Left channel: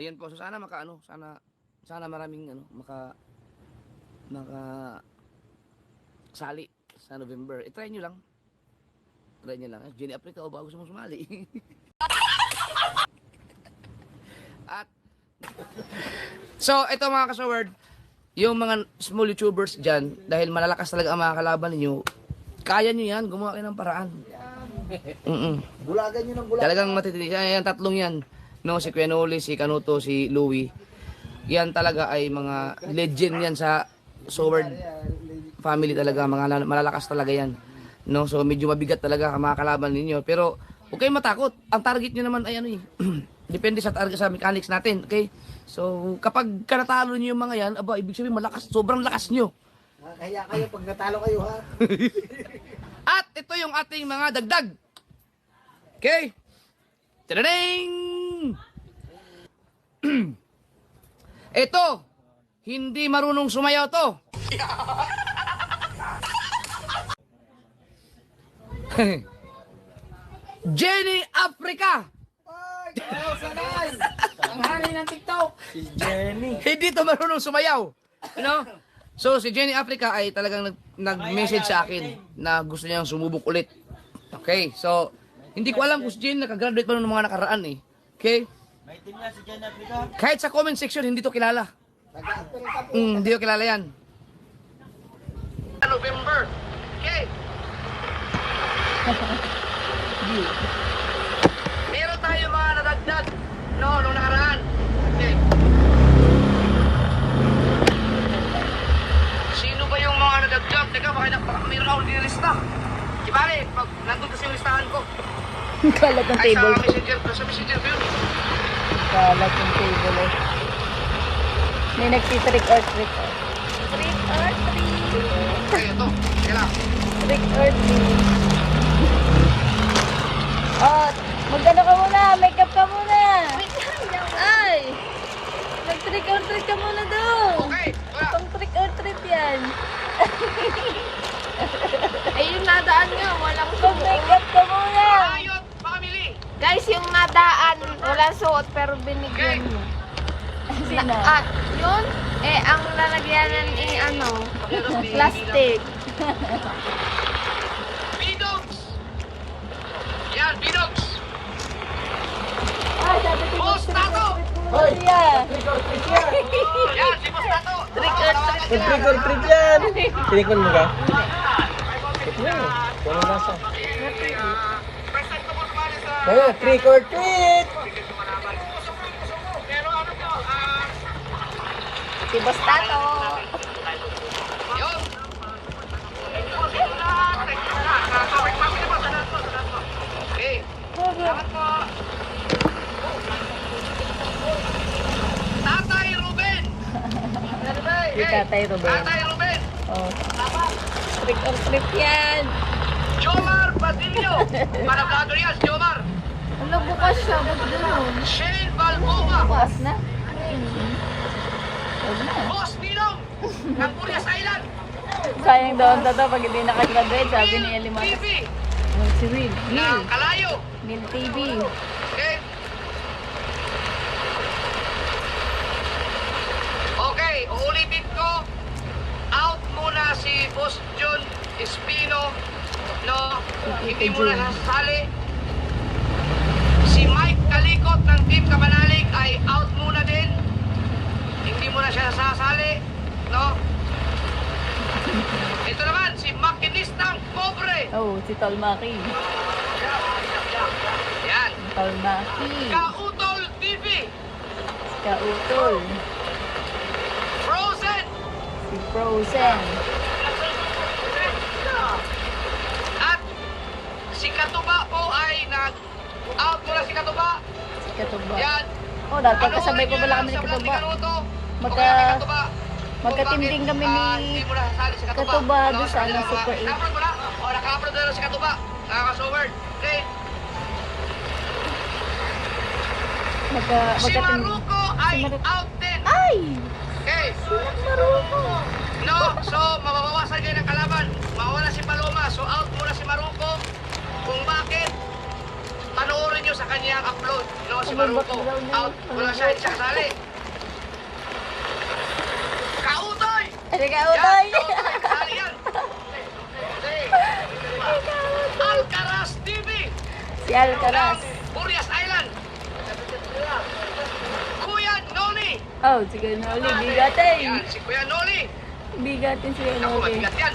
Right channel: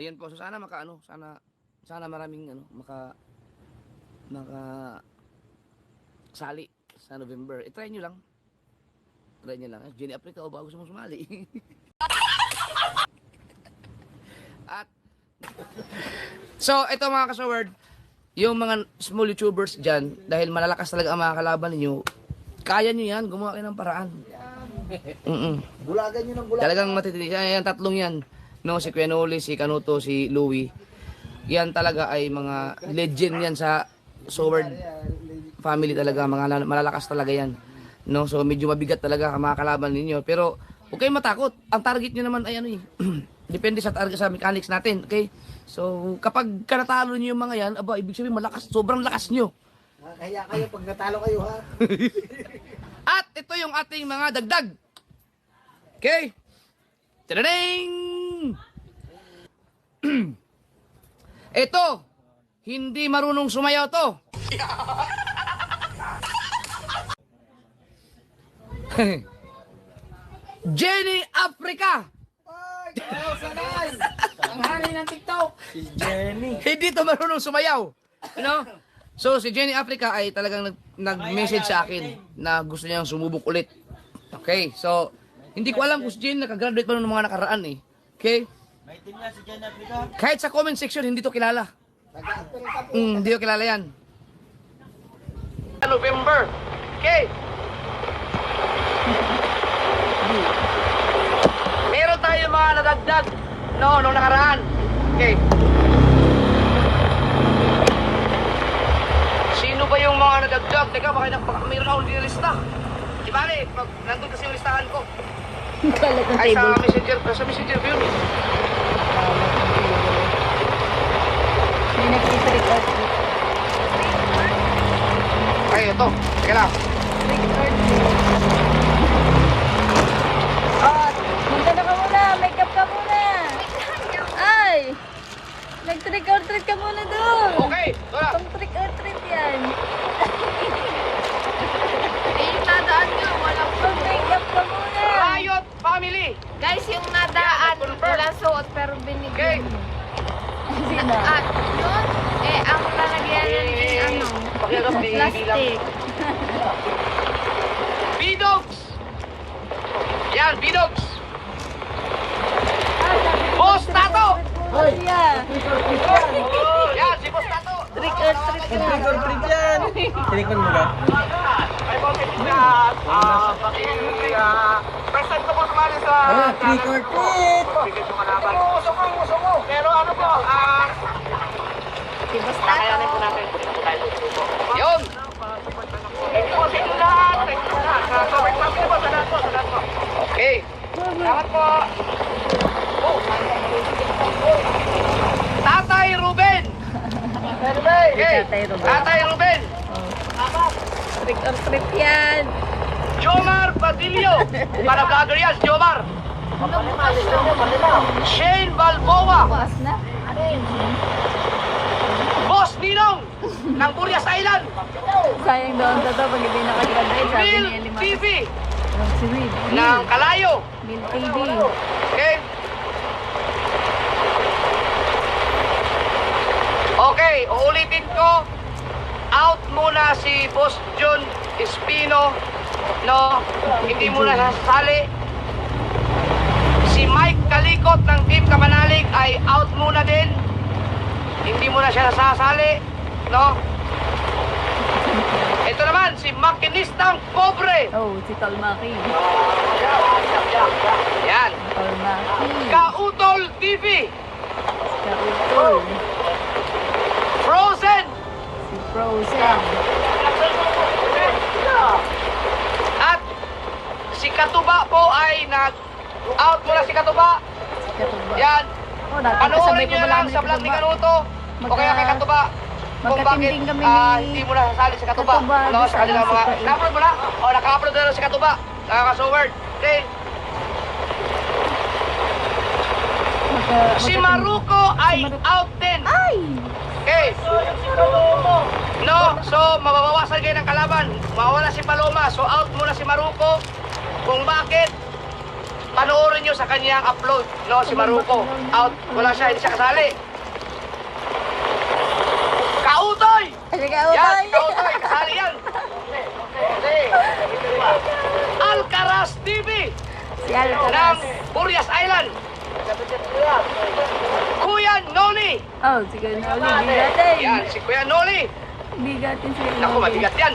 Ayan po, so sana sana maraming maka sali sa November. I-try nyo lang. Try nyo lang. Jenny Africa, o ba gusto mong sumali? At so, ito mga kasaward, yung mga small YouTubers dyan, dahil malalakas talaga ang mga kalaban ninyo, kaya nyo yan, gumawa kayo ng paraan. Bulagan nyo ng bulagan. Talagang matitindi. Yan, tatlong yan. No, si Kuya Noli, si Kanuto, si Louie. Yan talaga ay mga legend yan sa Sword family talaga. Mga malalakas talaga yan. No, so medyo mabigat talaga ang mga kalaban ninyo. Pero huwag kayong matakot. Ang target nyo naman ay depende sa target sa mechanics natin. Okay? So kapag natalo nyo yung mga yan, aba, ibig sabihin malakas. Sobrang lakas nyo. Kaya kayo pag natalo kayo ha. At ito yung ating mga dagdag. Okay? Tadading! Ito, hindi marunong sumayaw to. Jenny Africa! Ay, sanay! Ang hari ng TikTok! Si Jenny. Hindi to marunong sumayaw. You know? So, si Jenny Africa ay talagang nag-message sa akin na gusto niyang sumubok ulit. Okay, so, hindi ko alam kung si Jenny nakagraduate pa ng mga nakaraan eh. Okay? May team na si Jenny Africa. Kahit sa comment section, hindi to kilala. Hindi ko kilala yan. November. Okay. Meron tayo mga nadagdag. No, nung nakaraan. Okay. Sino ba yung mga nadagdag? Teka, baka mayroon akong nilista. Di bale, pag nandun kasi yung listahan ko. Kalat ng Ay, table. sa messenger ko yun eh. Kalat ng table eh. May nagsitrick or treat. Okay, ito. Teka lang. Trick or treat. Oh, magkano ka muna? Makeup ka muna. Ay! Mag-trick or treat ka muna doon. Okay. Itong trick or treat yan. Yung nadaan nga, walang... Mag-makeup ka muna. Ayot, family. Guys, yung nadaan, walang suot pero binigyan mo. Sino? At yung, ang lalagyan yan plastic. Bidogs. Yan, Bidogs. Ah, sabi ko Boss Tato. Hoy! Yeah. Yan, si Boss Tato. Trick or treat. Trick or treat yan! Tinikman mo ka? Present ko po sumali sa... Trick or treat! Pero ano po, Si Boss Tato. yun. Okay. Salamat po. Tatay Ruben. Si Tatay Ruben. Tatay Ruben. Oh. Trick or treat yan. Jomar Basilio. Para vlogger yan, Jomar. Shane Balboa. Bukas na. Boss Ninong ng Burias Island. Sayang daw ang tato pag hindi nakagraduate, sabi ni Will Elimatas. TV Si Will. ng Kalayo. Will TV. Okay? Okay, uulitin ko. Out muna si Boss John Espino. No, hindi muna sasali. Si Mike Kalikot ng Team Kamanalig ay out muna din. Hindi muna siya sasali. No? Ito naman, si Makinistang Pobre. Oh, si Tolmaki. Yan. Tolmaki. Kautol TV. Kautol. Frozen. Si Frozen. At si Katuba po ay nag-out muna si Katuba. Si Katuba. Yan. Oh, dahil kasabay pa pala kami ni Katuba. Magkatinding kami ni Katuba doon sa Super 8. Naka-upload mo na? O, naka-upload na si Katuba. Nakaka-soward. Okay. Si Maruko ay out din. Ay! Okay. Maruko. No, so mababawasan kayo ng kalaban. Mawala si Paloma. So out muna si Maruko. Kung bakit? panoorin nyo sa kanyang upload. No, si Maruko. Out. Wala siya, hindi siya kasali. Kautoy! Kasi ka utay. Kautoy, kasali yan. Alcaraz TV. Si Alcaraz. ng Burias Island. Kuya Noli. Oh, si Kuya Noli. Bigatin. Yan, si Kuya Noli. Bigatin si Kuya Ako, Noli. mabigat yan.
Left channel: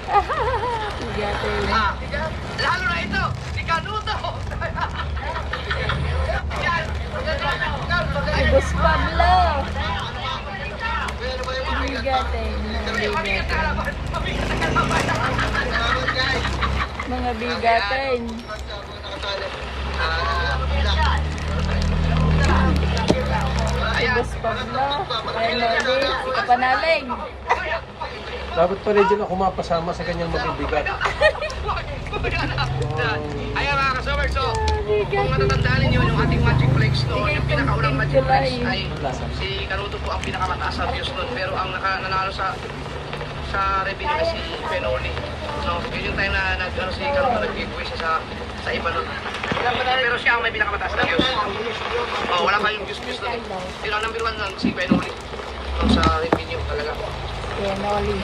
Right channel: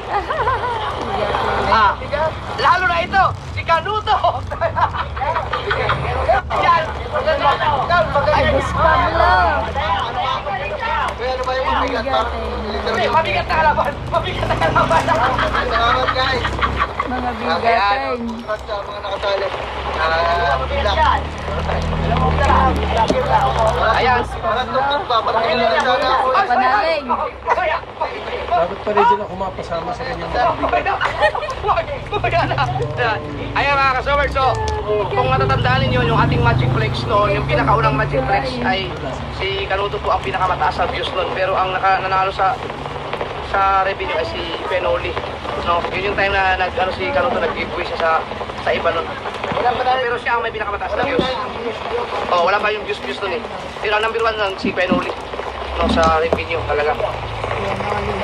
Bigatin. Ah, lalo na ito, si Canuto. Yan. Si Boss Pablo. Bigatin. Mabigat na kalaban. Mabigat na kalaban. Mga bigatin. Si Boss Pablo. Kuya Noli. Si Kapanaling. Bakit pa rin ako mapasama sa kanyang mabibigat? Ayan mga kasaward, so kung matatandaan ninyo yung ating Magic Flex noon, yung pinakaunang Magic Flex ay si Canuto po ang pinakamataas sa views noon, pero ang nanalo sa revenue ay si Penoli. No, yun yung time na si Canuto nag-giveaway siya sa iba noon. Pero siya ang may pinakamataas na views. Oh, wala pa yung views noon eh. Pero ang number 1 nun si Penoli. No, sa revenue talaga. Kuya Noli.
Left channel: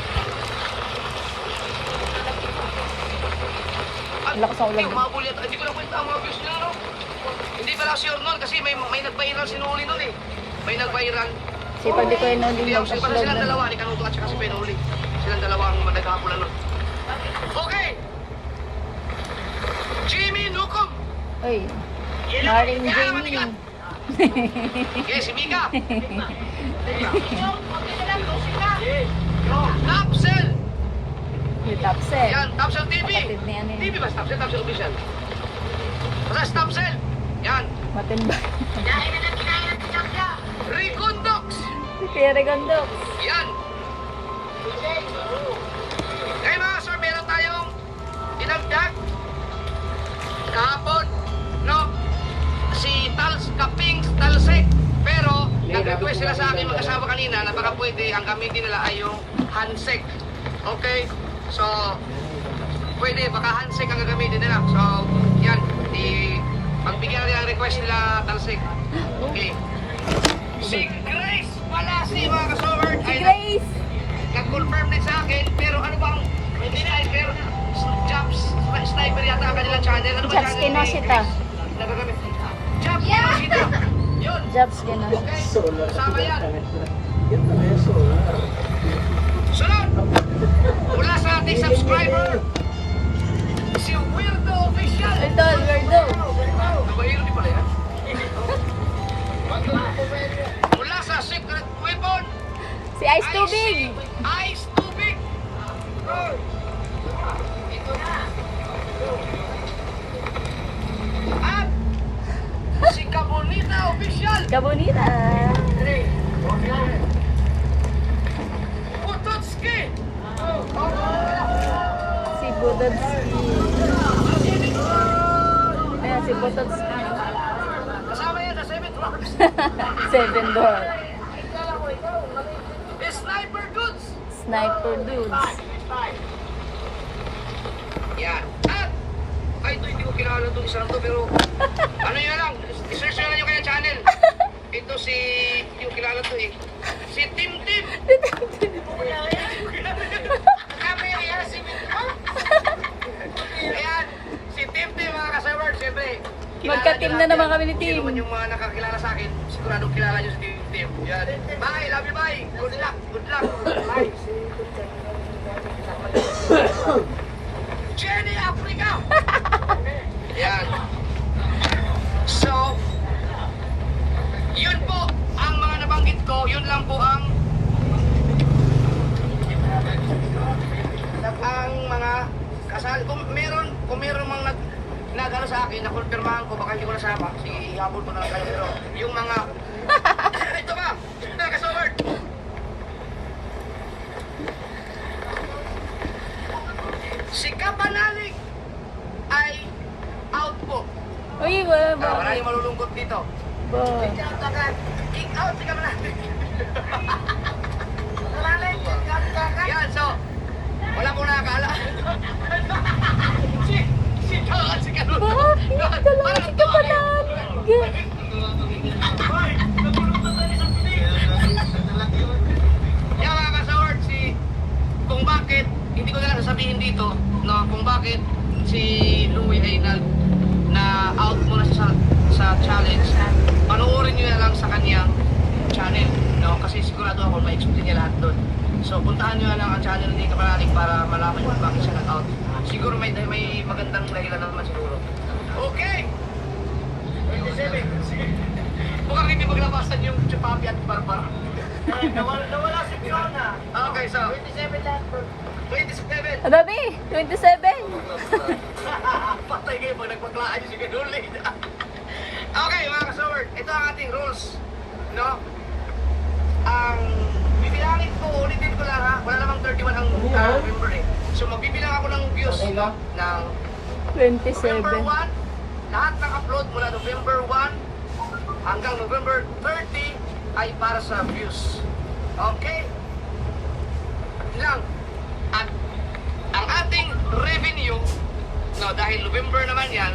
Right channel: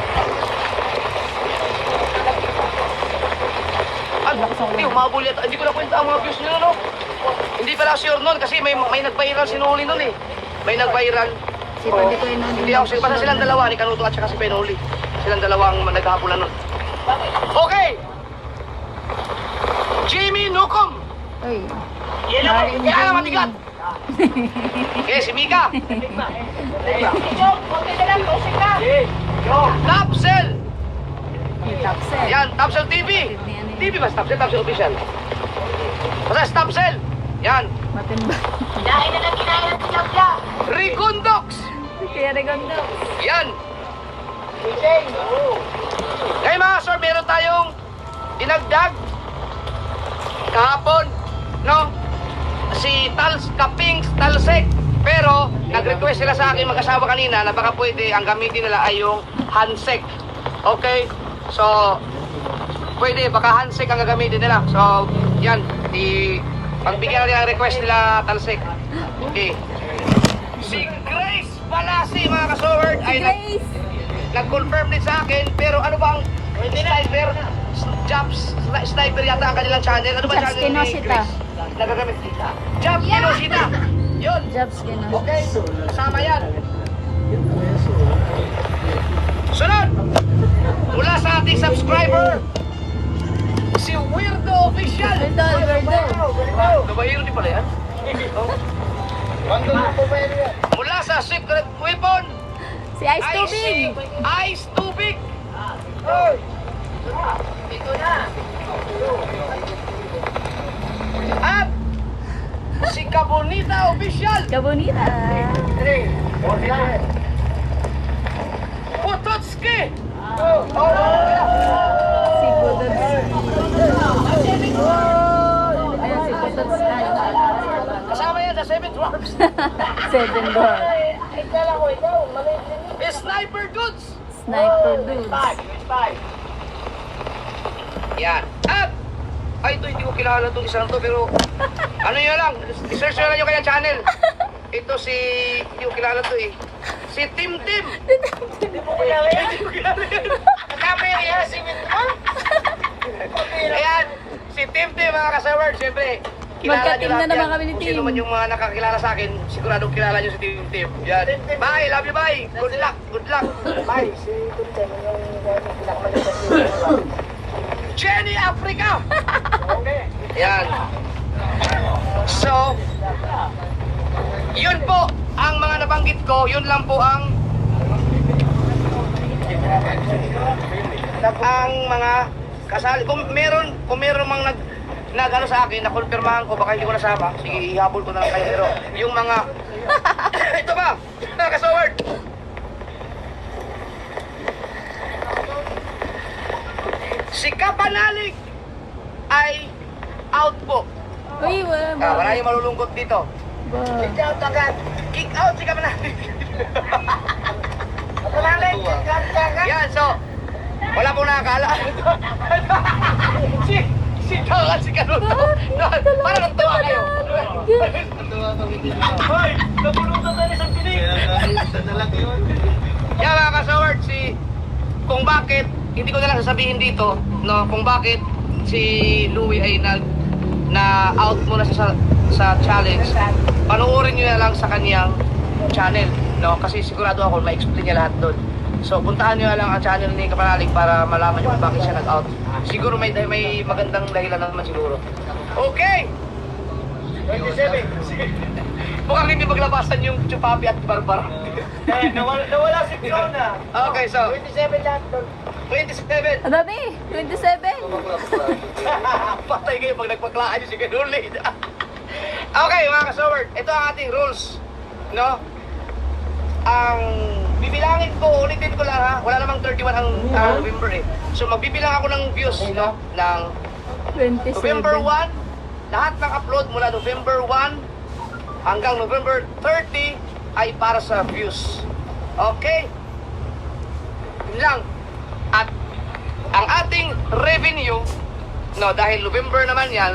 Lakas ng ulan. Hindi, umabol yata. Hindi ko na kwenta ang mga views nila, no? Hindi pala sure nun kasi may nag-viral si Noli nun eh. May nag-viral. Si Pwede Kuya Noli. Hindi ako siya silang dalawa ni Canuto at saka si Penoli. Silang dalawang naghahapulan nun. Okay! Jimmy Nukom! Uy. Maring Kaya naman Jamie. tigat. Okay, si Mika! Tapsel! Si Tapsel. Yan, Tapsel TV! Kapatid ni ano yun. TV ba? Tapsel, Tapsel Official. Basta Tapsel! Yan! Matimbay. Rigundox! Si Kuya Regondo. Yan! Ngayon mga sir, meron tayong dinagdag kahapon, no? Si Kaping Talsek. Pero, nag-request sila sa akin mag-asawa kanina na baka pwede ang gamitin nila ay yung handshake. Okay? So, pwede, baka handshake ang gagamitin nila. So, yan. Pagbigyan natin ang request nila Talsek. Okay. Si Grace Palasi, mga kasoward, Si ay Grace. nag-confirm din sa akin, pero ano bang sniper? Sniper yata ang kanilang channel. Ano ba Jobs channel ni Kinoshita. Grace? Nagagamit. Jobs Kinoshita. Yun. Jobs Kinoshita. Okay, kasama yan. Sunod! Mula sa ating subscriber, si Weirdo Official. Alberto. Kabayero di pala yan? Mula sa Secret Weapon, Si Ice Tubig. Ice Tubig. At si Kabonita Official. Kabonita. Pototski. Si Budodski. Ayan, si Budodski. Kasama yan sa 7th Rocks. Seven Door. Sniper Goods. Sniper Dudes. Yan. At ay, ito hindi ko kilala itong isang to, pero ano yun lang, i-search nyo lang yung kanyang channel. Ito si, hindi ko kilala to eh. Si Tim Tim. Ayan, si Tim Tim mga kasaward, siyempre. kilala Magka-team nyo na lahat naman yan. kami ni Kung Tim. sino man yung mga nakakilala sa akin, sigurado kilala nyo si Tim Tim. Yan. Bye, love you, bye. Good luck, good luck. Bye. Jenny Africa. Yan. So, yun po ang mga nabanggit ko, yun lang po ang mga kasali. Kung meron mang nag-ano sa akin, nakonfirmahan ko, baka hindi ko nasama, sige, ihabol ko na lang kayo. Pero yung mga, ito ba, mga kasaward, si Kapanalig ay out po. Uy, wala ba? Maraming malulungkot dito. Ba? Kick out agad. Kick out si Kapanalig. Yan, so, wala pong nakakala. Si Kanuto. Bakit? Kalahati ka pa namin. Kaya mga kasaward, kung bakit, hindi ko na lang sasabihin dito, no, kung bakit si Louie ay na-out muna sa challenge, panoorin nyo na lang sa kanyang channel, no, kasi sigurado ako ma-explain niya lahat doon. So, puntahan nyo na lang ang channel ni Kapanalig para malaman nyo kung bakit siya nag-out. Siguro may magandang dahilan naman siguro. Okay! 27. Mukhang hindi maglabasan yung Chupapi at Barbara. Nawala si Fiona. Okay, so 27 lahat doon. 27. Dati, 27. Patay kayo pag nagpaklaan nyo si Kanuli. Okay, mga kasaward, ito ang ating rules. No? Ang bibilangin ko, ulitin ko lang ha. Wala namang 31 ang November eh. So magbibilang ako ng views, no? Ng November 27. 1, lahat ng upload mula November 1 hanggang November 30 ay para sa views. Okay? Yun lang. At ang ating revenue, no, dahil November naman yan,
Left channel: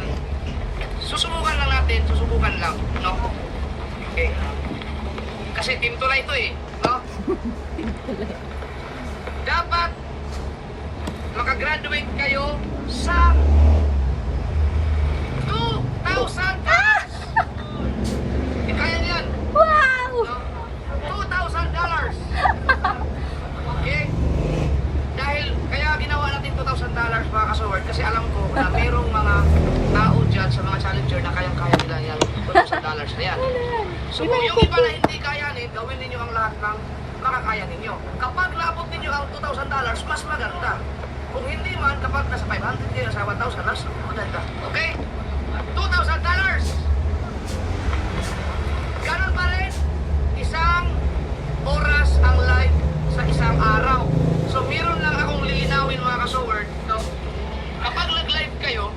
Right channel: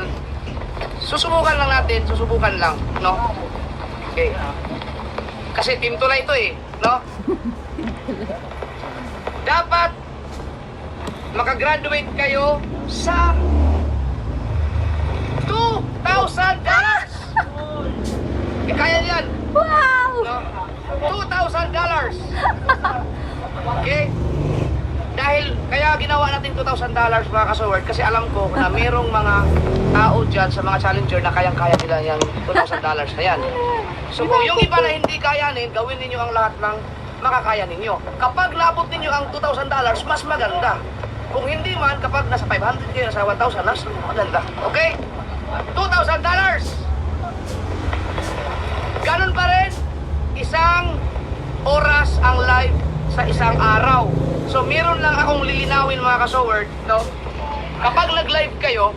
susubukan lang, no? Okay. Kasi team Tulay ito eh, no? Dapat makagraduate kayo sa 2,000 dollars. Kaya niyan. Wow! No? $2,000. Okay? Dahil kaya ginawa natin $2,000 mga kasaward kasi alam ko na merong mga tao dyan sa mga challenger na kayang-kaya nila yung $2,000 na yan. So kung yung iba na hindi kayanin, gawin ninyo ang lahat ng makakaya ninyo. Kapag naabot ninyo ang $2,000, mas maganda. Kung hindi man, kapag nasa 500 kayo, nasa 1,000, mas maganda. Okay? $2,000. Ganun pa rin, isang oras ang live sa isang araw. So, meron lang akong lilinawin mga kasoward, no? Kapag nag-live kayo,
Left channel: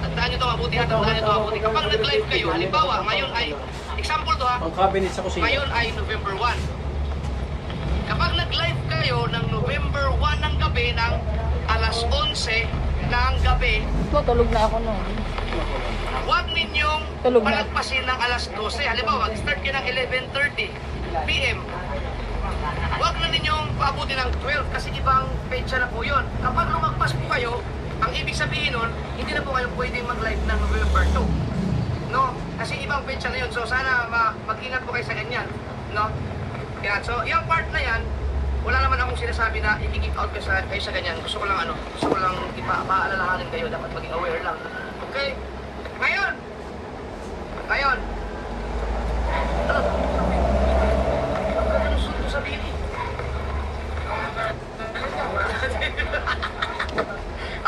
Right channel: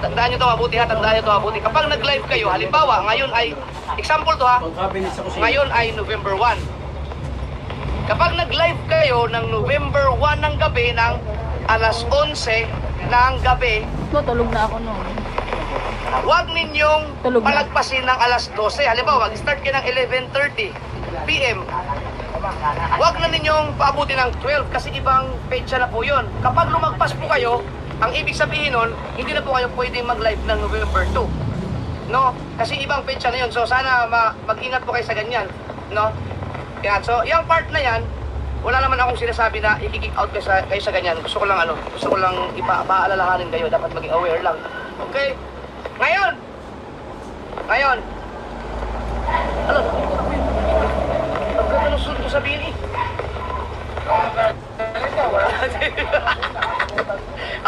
tandaan nyo ito mabuti ha, tandaan nyo ito mabuti. Kapag nag-live kayo, halimbawa, ngayon ay, example to ha, Ang cabinet sa kusina. ngayon ay November 1. Kapag nag-live kayo ng November 1 ng gabi, ng alas 11 ng gabi, Tulog na ako noon. huwag ninyong Tulog na. palagpasin ng alas 12. Halimbawa, mag-start kayo ng 11:30 PM. Huwag na ninyong paabutin ng 12 kasi ibang petsa na po yun. Kapag lumagpas po kayo, ang ibig sabihin nun, hindi na po kayo pwede mag-live ng November 2. No? Kasi ibang petsa na yun. So sana mag-ingat po kayo sa ganyan. No? Kaya, so, yung part na yan, wala naman akong sinasabi na i-kick out kayo sa ganyan. Gusto ko lang ipaalalahanin kayo. Dapat maging aware lang. Okay? Ngayon! Ano sunod ko sabihin eh?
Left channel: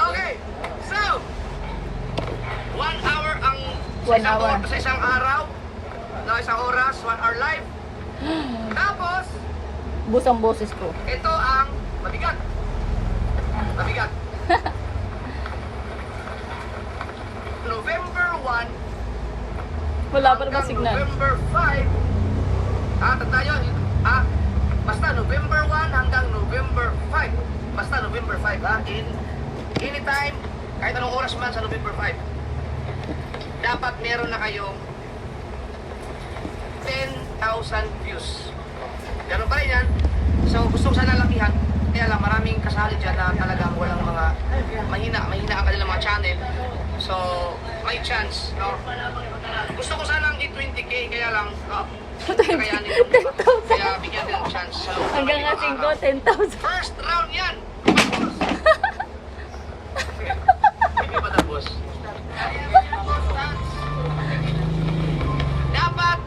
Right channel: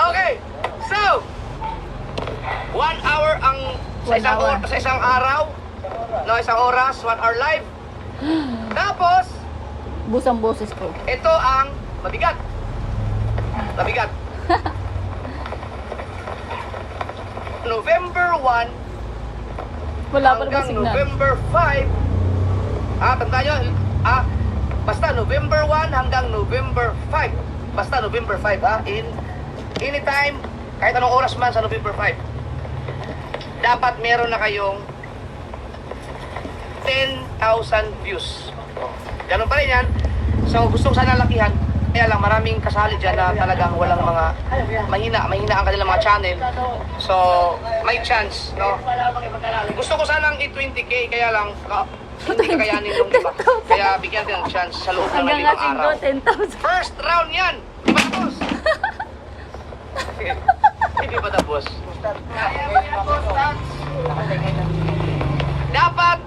Okay, so 1 hour ang 1 hour. Sa isang araw, no, isang oras, 1 hour live. Tapos, Busang boses ko. ito ang mabigat. November 1 Wala pa naman hanggang signal. November 5. Tandaan nyo, basta November 1 hanggang November 5. Basta November 5, anytime, kahit anong oras man sa November 5. Dapat meron na kayong 10,000 views. Ganun pa rin yan. So, gusto ko sana lakihan. Kaya lang, maraming kasali dyan na talagang walang mga mahina ang kanilang mga channel. So, may chance, no? Gusto ko sanang i-20K, kaya lang, no? Hindi kakayanin yung iba. Kaya bigyan din ng chance sa loob. ng Hanggang nga ilang 5, araw. 10,000. First round yan! Tapos! Hindi pa tapos. Dapat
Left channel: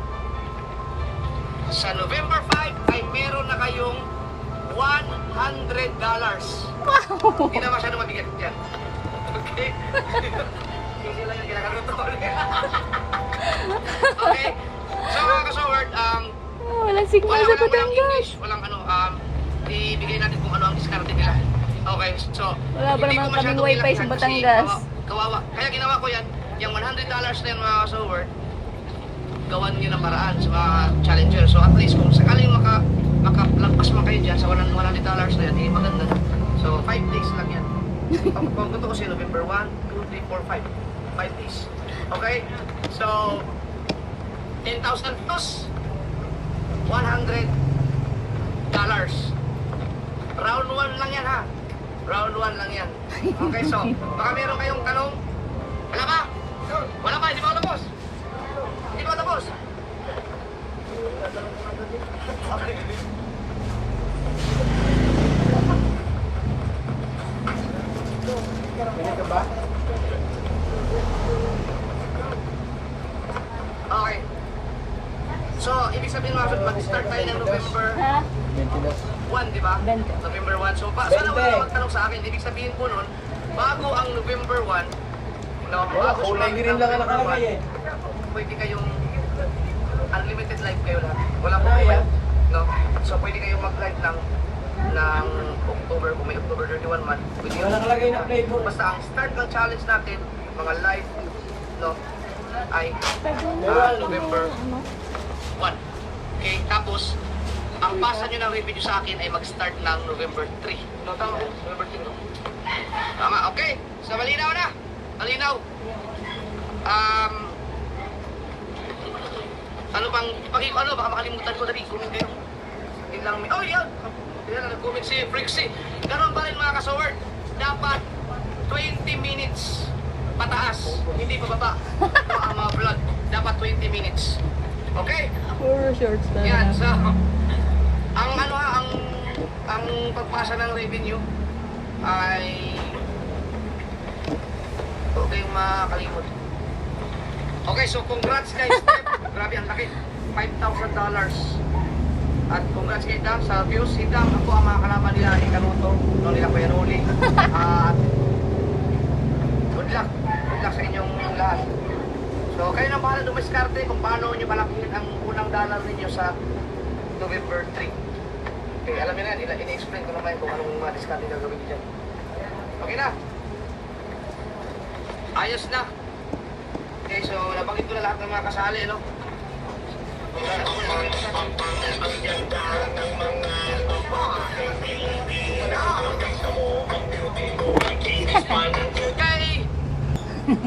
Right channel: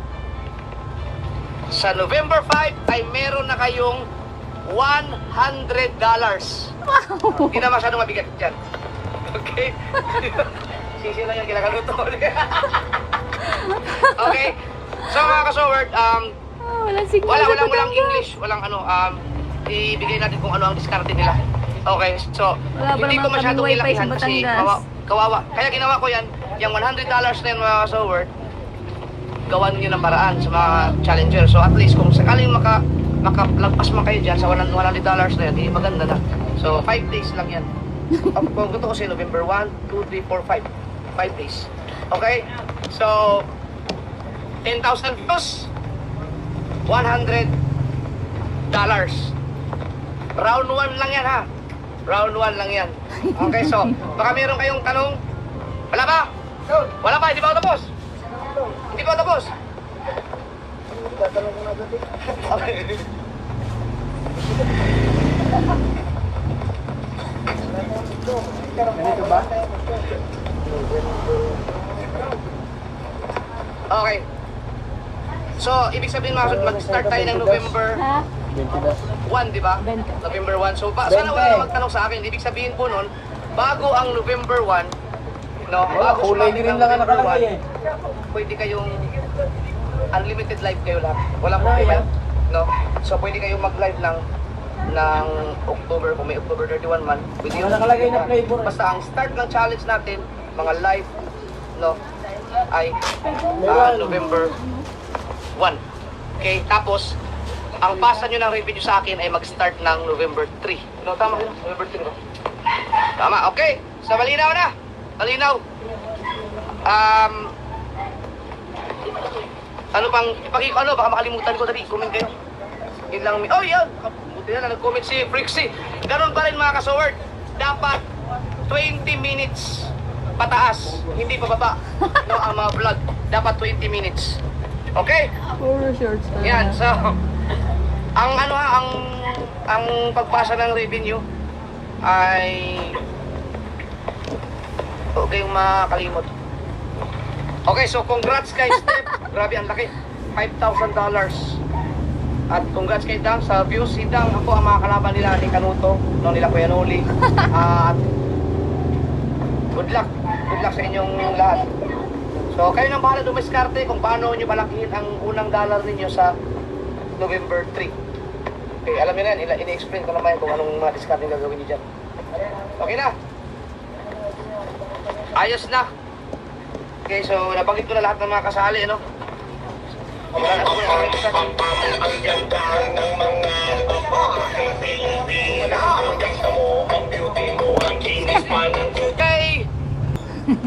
sa November 5 ay meron na kayong $100. Hindi na masyadong mabigat dyan. Okay? Sisi lang yan, kinakaluto. Okay? So mga kasoward, Walang signal sa walang Batangas. English, walang ibigay natin kung ano ang diskarte nila. Okay, so Wala pa hindi naman ko masyadong kaming wifi sa ilakihan kasi Batangas. kawawa. Kaya ginawa ko yan, yung $100 na yan mga kasoward, gawan nyo ng paraan sa mga challenger. So at least kung sakaling makalagpas man kayo dyan sa $100 na yan, maganda na. So 5 days lang yan. Kung ito kasi November 1, 2, 3, 4, 5. 5 days. Okay? So, 10,000 plus $100. Round 1 lang yan ha. Round 1 lang yan. Okay, so, baka meron kayong tanong? Wala ba? Wala ba? Hindi ba ako tapos? Hindi ba ako tapos? Okay. Hindi ka ba? Okay. So, ibig sabihin nga, mag-start tayo ng November Ha? 20 na. 1, di ba? 20. November 1. So, sana 20. wala magtanong sa akin. Ibig sabihin po nun, bago ang November 1, no, Wala, bago kulay sumapit green ang lang ang November nakalagay 1, pwede kayong unlimited live kayo lahat. Walang Ano problema. yan? No? So, pwede kayong mag-live ng October, kung may October 31 man. Pwede Wala nakalagay na flavor. Basta ang start ng challenge natin, mga live, no, ay November 1. Okay, tapos, ang pasa nyo ng video sa akin ay mag-start ng November 3. No, tama ba? November 3 ba? Tama, okay. So, malinaw na. Malinaw. Ano pang, baka makalimutan ko, dali, comment kayo. Yun lang, oh yan, buti na, nag-comment si Frixie. Ganun pa rin mga kasoward, dapat 20 minutes pataas, hindi pababa. No, ang mga vlog, dapat 20 minutes. Okay? Puro shorts Yan, talaga. so, ang pagpasa ng revenue ay huwag kayong makalimot. Okay, so congrats kay Steph. Grabe, ang laki. $5,000. At congrats kay Dang sa views. Si Dang, ako ang mga kalaban nila ni Kanuto, no, nila Kuya Noli. At good luck. Good luck sa inyong lahat. So, kayo nang bahala dumiskarte kung paano nyo malakihin ang unang dollar ninyo sa November 3. Okay, alam niyo na yan. Ini-explain ko naman kung anong mga discard nyo gagawin nyo dyan. Okay na? Ayos na. Okay, so nabanggit ko na lahat ng mga kasali, no? Wala na. Okay!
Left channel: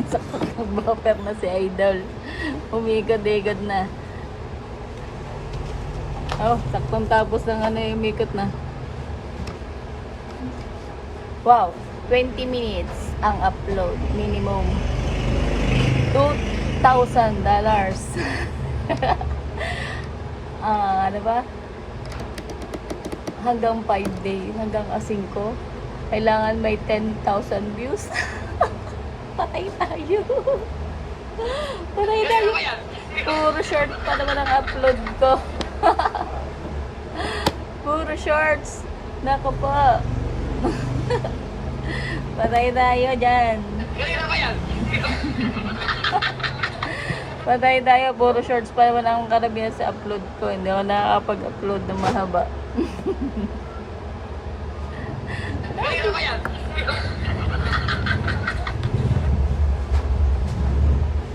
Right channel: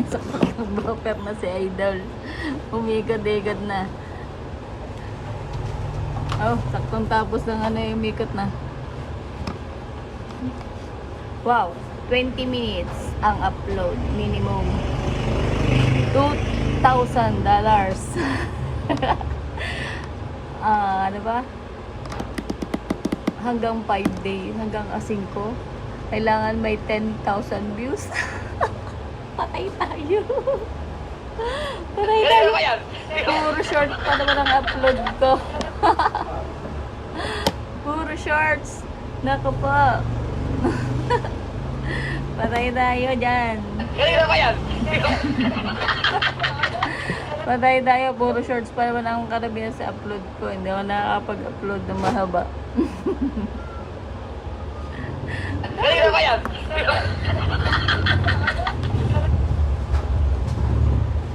Sakto bumper na si Idol. Umikot-ikot na. Oh, saktong tapos ng ano yung umikot na. Wow, 20 minutes ang upload. Minimum $2,000. Ano ba? Hanggang 5 days, hanggang 5. Kailangan may 10,000 views. Patay tayo. Patay tayo. Puro short pa naman ang upload ko. Puro shorts. Nako po. Patay tayo dyan. Patay tayo. Puro shorts pa naman ang karamihan sa upload ko. Hindi ako nakakapag-upload ng mahaba.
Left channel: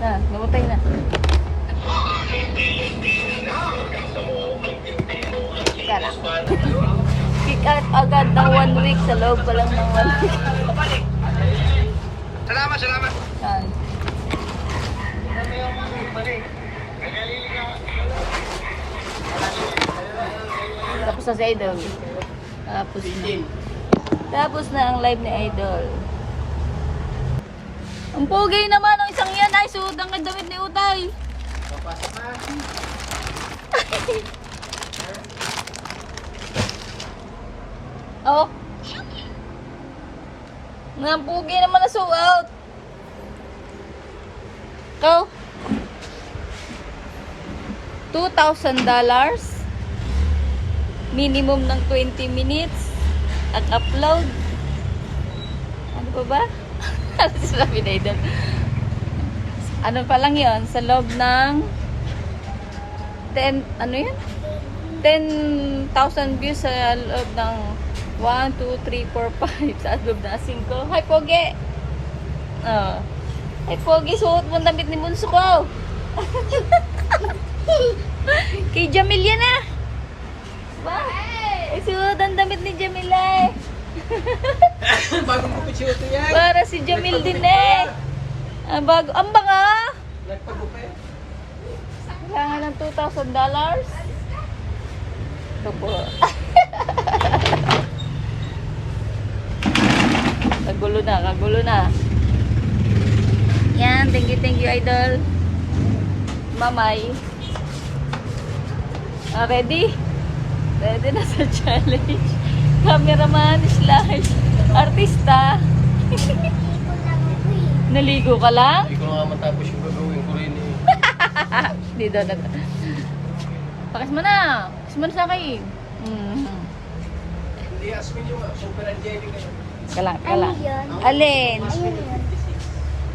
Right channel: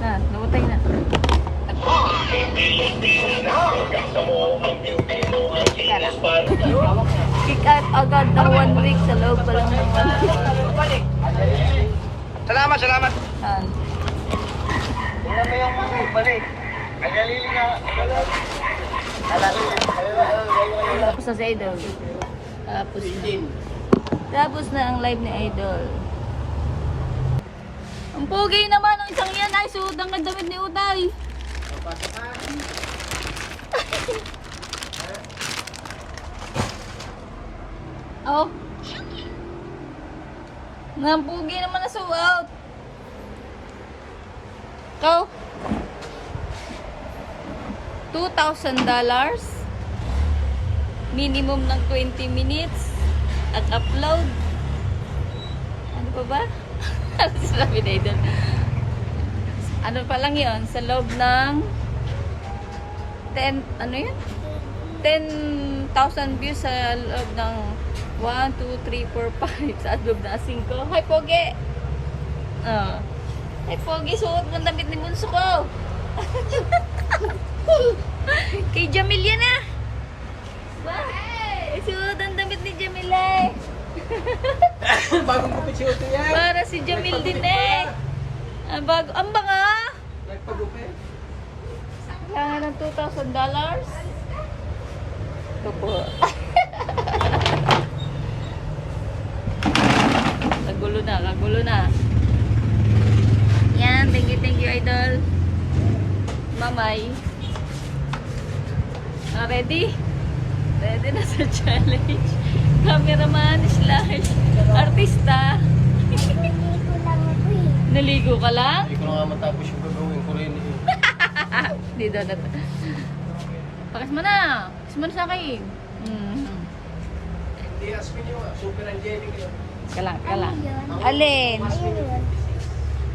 Na, namatay na. Teka lang. Kick out agad ng 1 week sa loob pa lang ng 1 week. Salamat, salamat. Yan. Tapos na si Idol. Tapos na ang live ni Idol. Ang pogi naman ang isang yan ay suot ang nagdamit ni Uday. Oh. Ang pogi naman na suot. Go. $2,000. Minimum ng 20 minutes. At upload. Ano pa ba? Ano sabi na Idol? Ano pa lang yon sa loob ng 10, ano yun? 10,000 views sa loob ng 1, 2, 3, 4, 5 sa loob na 5. Hi, Pogi! Hi, Pogi, suot mo ang damit ni Bunso ko. Kay Jamil yan ah. Ba? Suot ang damit ni Jamil eh. Bagong gupit si Uto yan. Para si Jamil din eh. Bago. Ang banga. Nagpagupit. Kailangan ng $2,000. Ito po. Kagulo na, kagulo na. Yan, thank you, idol. Mamay. Ready? Ready na sa challenge. Cameraman slash artista. Naligo ka lang? Hindi ko na nga matapos yung gagawin ko rin. Hindi daw na. Pakas mo na. Pakas mo na sa akin. Hindi, Asmin yung super angelic. Kalang, kalang. Alin? Ayun yun.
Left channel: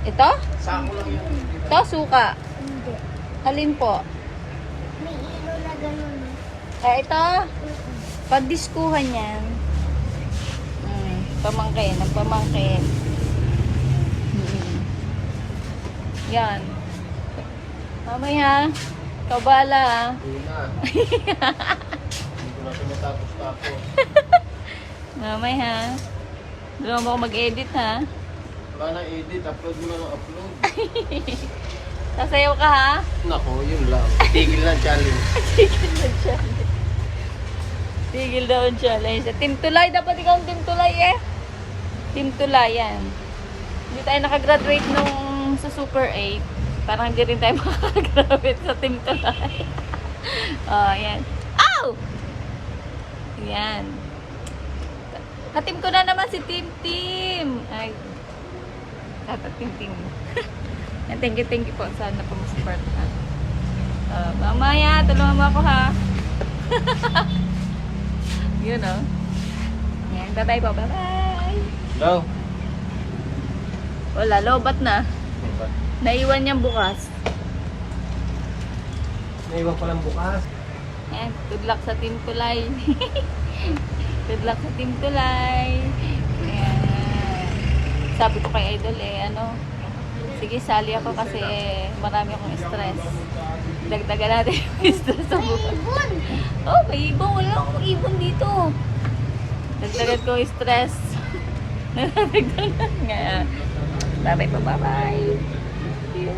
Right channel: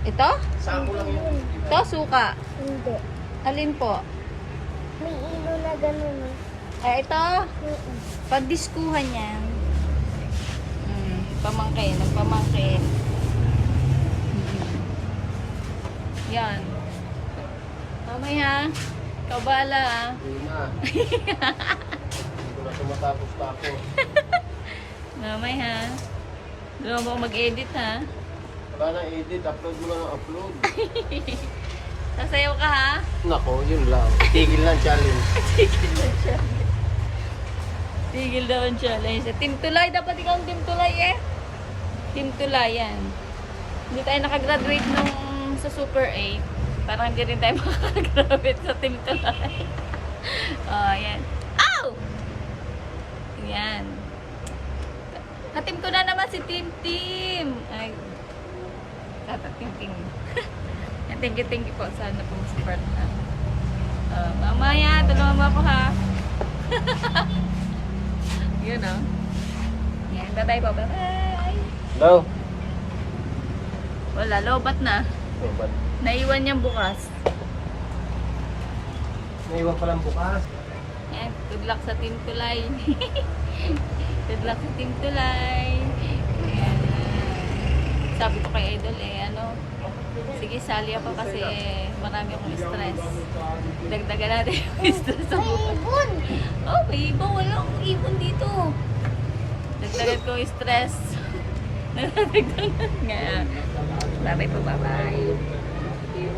Ito? Sako lang yan. Ito, suka. Hindi. Alin po? May ilo na ganun. Ito? Pagdiskuhan yan. Pamangkin, ang pamangkin. Yan. Mamaya, kabala ha. Hindi na. Hindi ko na siya matapos-tapos. Mamaya ha. Doon mo ako mag-edit ha. Wala na edit, upload mo na ng upload. Sasayaw ka ha. Nako, yun lang. Tigil lang challenge. Tigil daw ang challenge. Team Tulay, dapat ikaw ang Team Tulay eh. Team Tulay yan. Hindi tayo nakagraduate nung sa Super 8. Parang hindi rin tayo makagraduate sa Team Tulay. Oh, yan. Ow! Yan. Katim ko na naman si Team Team. Ay. Team Team. Thank you po. Sana po ma-support ha. Mamaya, tulungan mo ako ha. Yun o. Yan, bye-bye po. Bye-bye. Hello? Wala, lobat na. Naiwan niyang bukas. Naiwan ko lang bukas. Yan, good luck sa Team Tulay. Good luck sa Team Tulay. Yan. Sabi ko kay Idol sige, sali ako kasi marami akong stress. Dagdagan natin yung stress sa bukas. Oh, may ibon. Wala akong ibon dito. Dagdagan ko yung stress. Nadagdagan nga. Bye-bye po, bye-bye. Thank you.